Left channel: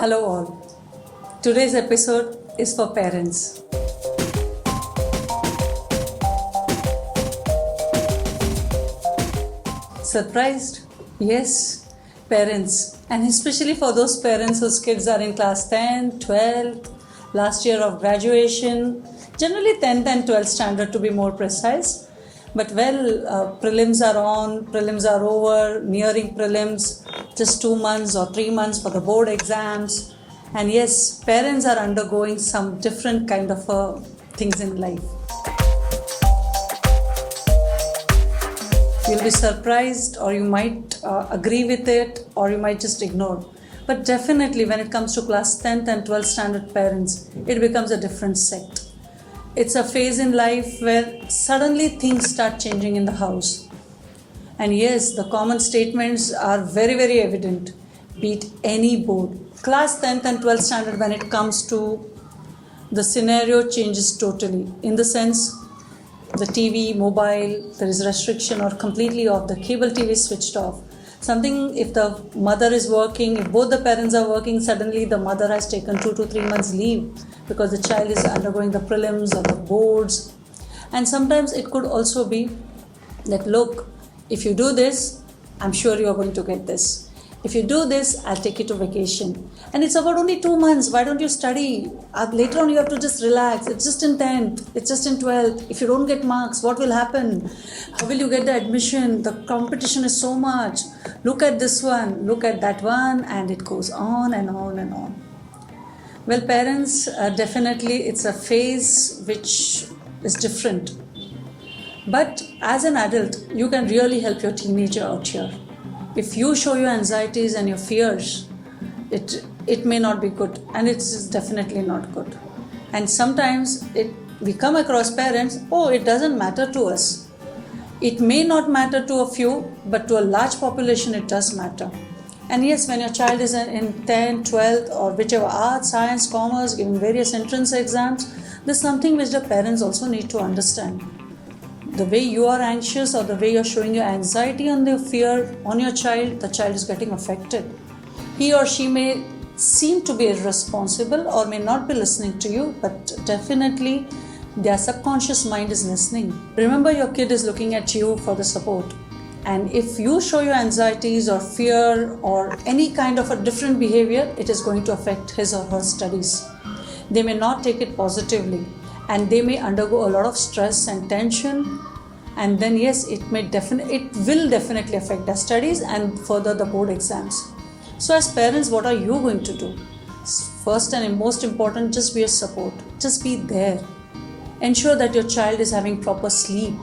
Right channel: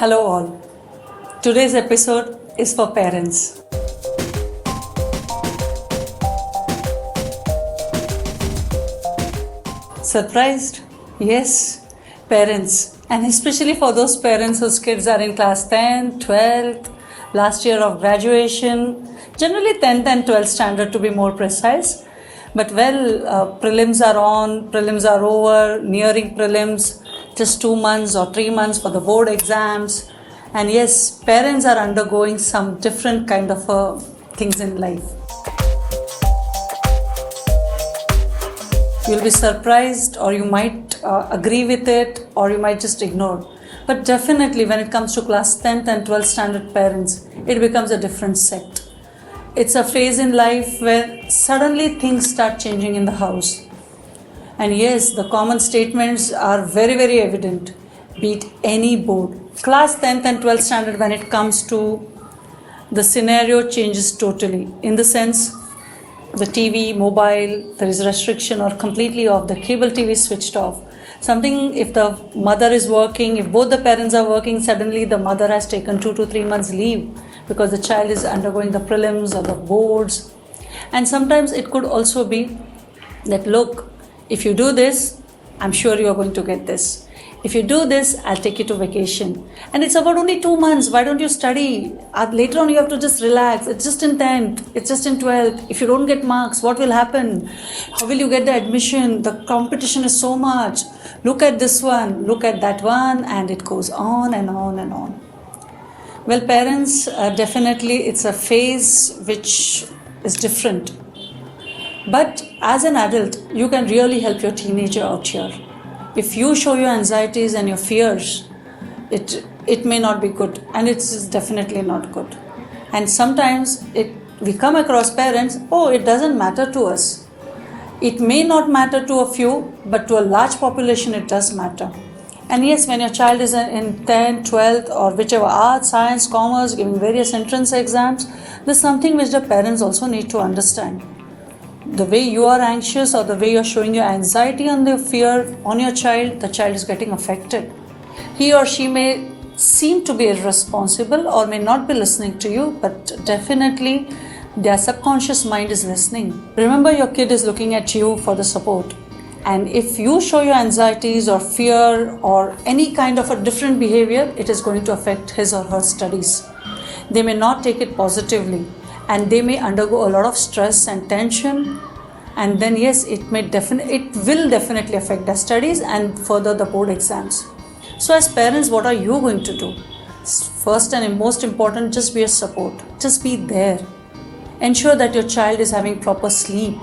Hello all. Today's episode is for parents. Surprised? Yes, parents. And especially for those parents whose kids are in class 10, 12th, last year of graduation, generally 10th and 12th standard to be more precise. But prelims are on, prelims are over, nearing prelims, just 2 months or 3 months for the board exams. And yes, parents are undergoing some different kind of things in life. You'll be surprised, or you might agree with it, or you might just ignore. But definitely when it comes to class 10th and 12th standard parents, it becomes a different sect. It's a phase in life where suddenly things start changing in the house. And yes, the common statements are very, very evident. Beat any board. Class 10th and 12th standard, when it comes to the scenario, changes totally. In the sense, the TV, mobile, there is restriction or completely off. The cable TV switched off. Something, if the mother is working, if both the parents are working, suddenly the mother has taken 2 to 3 months leave because the child is undergoing the prelims or the boards. And sometimes it could also be that, look, if you do this, I'm sure you are going to get this. If you do this, I'll take you to vacation. And it's about only 2 months. Why don't you study? Later on, you have to just relax. It's just in 10th. It's just in 12th. If you don't get marks, what will happen? How will you get the admission? The competition is so much. Look at this one. Look at that one. And it goes on and on and on. Well, parents, definitely it's a phase which is different. But as an adult, you can really help your teenager out here. If you show your anxieties and your fears, it may not be good, and it's definitely not good. And sometimes we come across parents, it doesn't matter to us. It may not matter to a few, but to a large population it does matter. And yes, when your child is in 10th, 12th or whichever, arts, science, commerce, giving various entrance exams, there's something which the parents also need to understand. The way you are anxious or the way you're showing your anxiety and your fear on your child, the child is getting affected. He or she may seem to be irresponsible or may not be listening to you, but definitely their subconscious mind is listening. Remember, your kid is looking at you for the support. And if you show your anxieties or fear or any kind of a different behavior, it is going to affect his or her studies. They may not take it positively, and they may undergo a lot of stress and tension. And then yes, it will definitely affect their studies and further the board exams. So as parents, what are you going to do? First and most important, just be a support. Just be there. Ensure that your child is having proper sleep,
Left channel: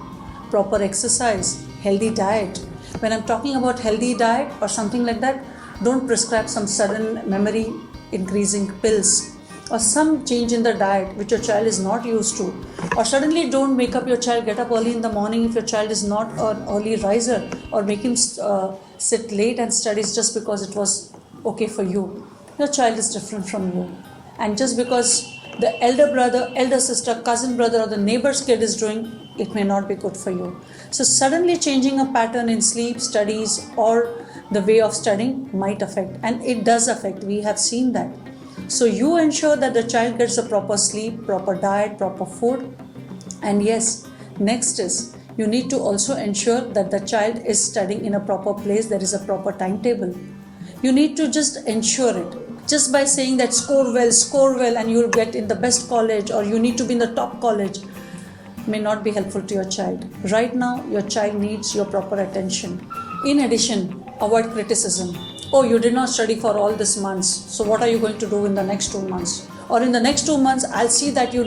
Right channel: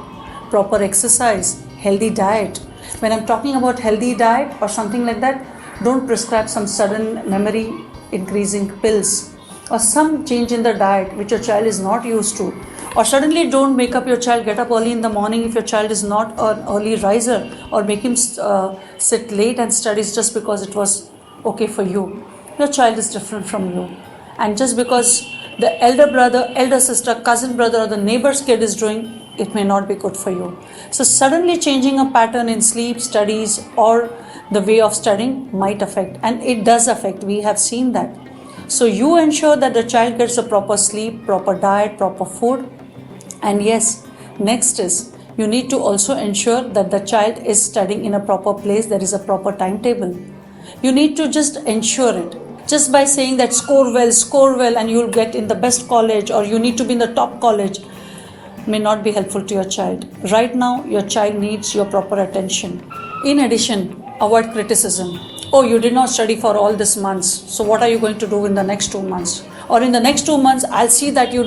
proper exercise, healthy diet. When I'm talking about healthy diet or something like that, don't prescribe some sudden memory increasing pills or some change in the diet which your child is not used to. Or suddenly don't make up your child get up early in the morning if your child is not an early riser, or make him sit late and studies just because it was okay for you. Your child is different from you. And just because the elder brother, elder sister, cousin brother or the neighbor's kid is doing, it may not be good for you. So suddenly changing a pattern in sleep, studies or the way of studying might affect, and it does affect. We have seen that. So you ensure that the child gets a proper sleep, proper diet, proper food. And yes, next is you need to also ensure that the child is studying in a proper place. There is a proper timetable. You need to just ensure it. Just by saying that score well and you'll get in the best college or you need to be in the top college may not be helpful to your child. Right now, your child needs your proper attention. In addition, avoid criticism. You did not study for all these months, so what are you going to do in the next 2 months? Or in the next 2 months, I'll see that you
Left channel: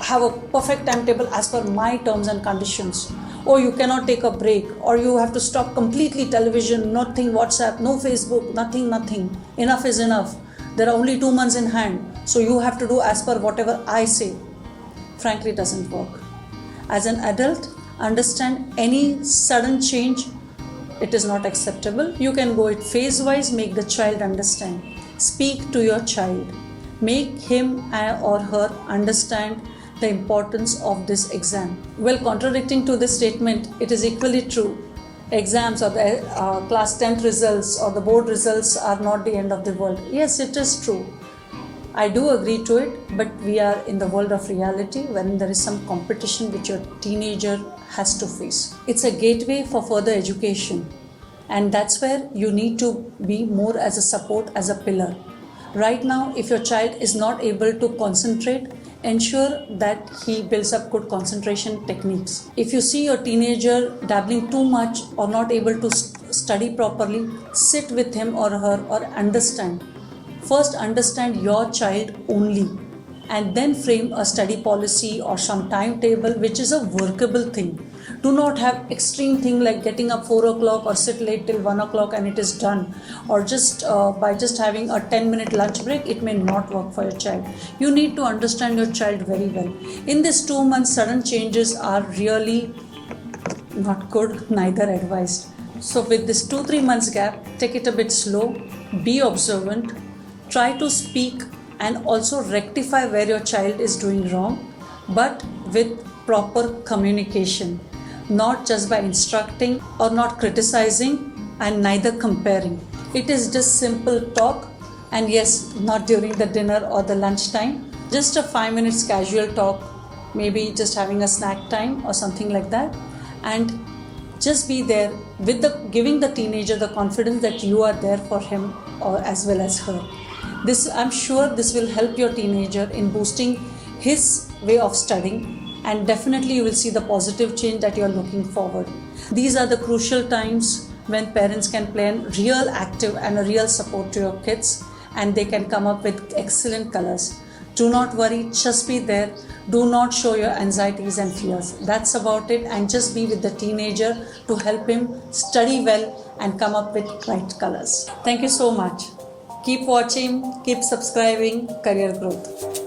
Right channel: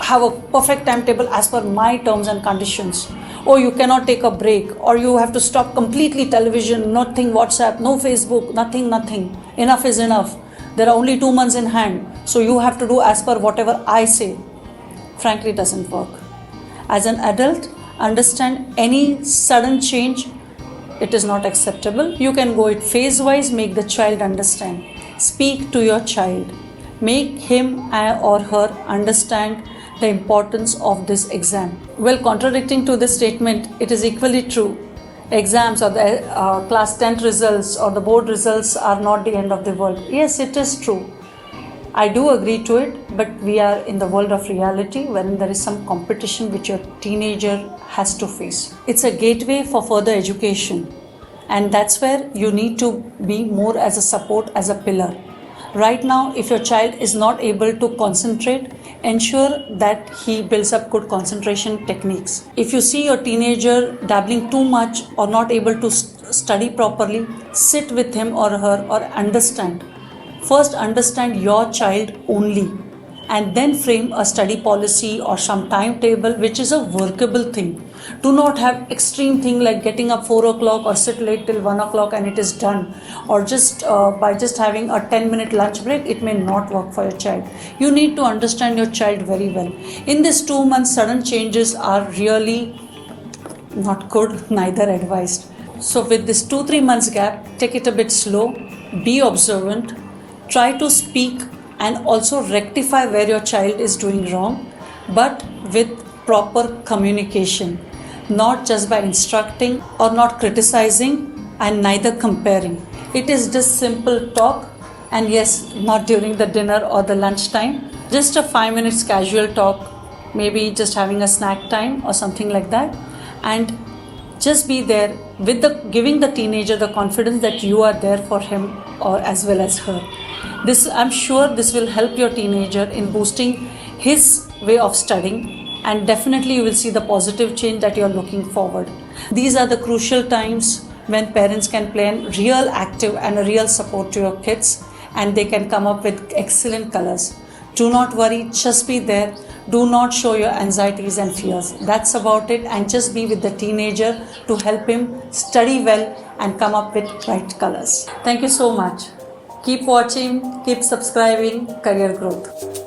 have a perfect timetable as per my terms and conditions. You cannot take a break, or you have to stop completely television, nothing WhatsApp, no Facebook, nothing. Enough is enough. There are only 2 months in hand, so you have to do as per whatever I say. Frankly, doesn't work. As an adult, understand any sudden change, it is not acceptable. You can go it phase-wise, make the child understand. Speak to your child. Make him or her understand the importance of this exam. Well, contradicting to this statement, it is equally true exams or the class 10th results or the board results are not the end of the world. Yes, it is true. I do agree to it, but we are in the world of reality wherein there is some competition which your teenager has to face. It's a gateway for further education, and that's where you need to be more as a support, as a pillar. Right now, if your child is not able to concentrate, ensure that he builds up good concentration techniques. If you see your teenager dabbling too much or not able to study properly, sit with him or her or understand. First, understand your child only, and then frame a study policy or some timetable which is a workable thing. Do not have extreme thing like getting up 4 o'clock or sit late till 1 o'clock and it is done, or just by just having a 10-minute lunch break, it may not work for your child. You need to understand your child very well. In this 2 months, sudden changes are really not good, neither advised. So with this 2-3 months gap, take it a bit slow, be observant, try to speak and also rectify where your child is doing wrong, but with proper communication, not just by instructing or not criticizing and neither comparing. It is just simple talk, and yes, not during the dinner or the lunch time, just a 5 minutes casual talk, maybe just having a snack time or something like that, and just be there with giving the teenager the confidence that you are there for him or as well as her. I'm sure this will help your teenager in boosting his way of studying, and definitely you will see the positive change that you are looking forward. These are the crucial times when parents can play a real active and a real support to your kids, and they can come up with excellent colors. Do not worry, just be there. Do not show your anxieties and fears. That's about it, and just be with the teenager to help him study well and come up with bright colors. Thank you so much. Keep watching, keep subscribing, Career Growth.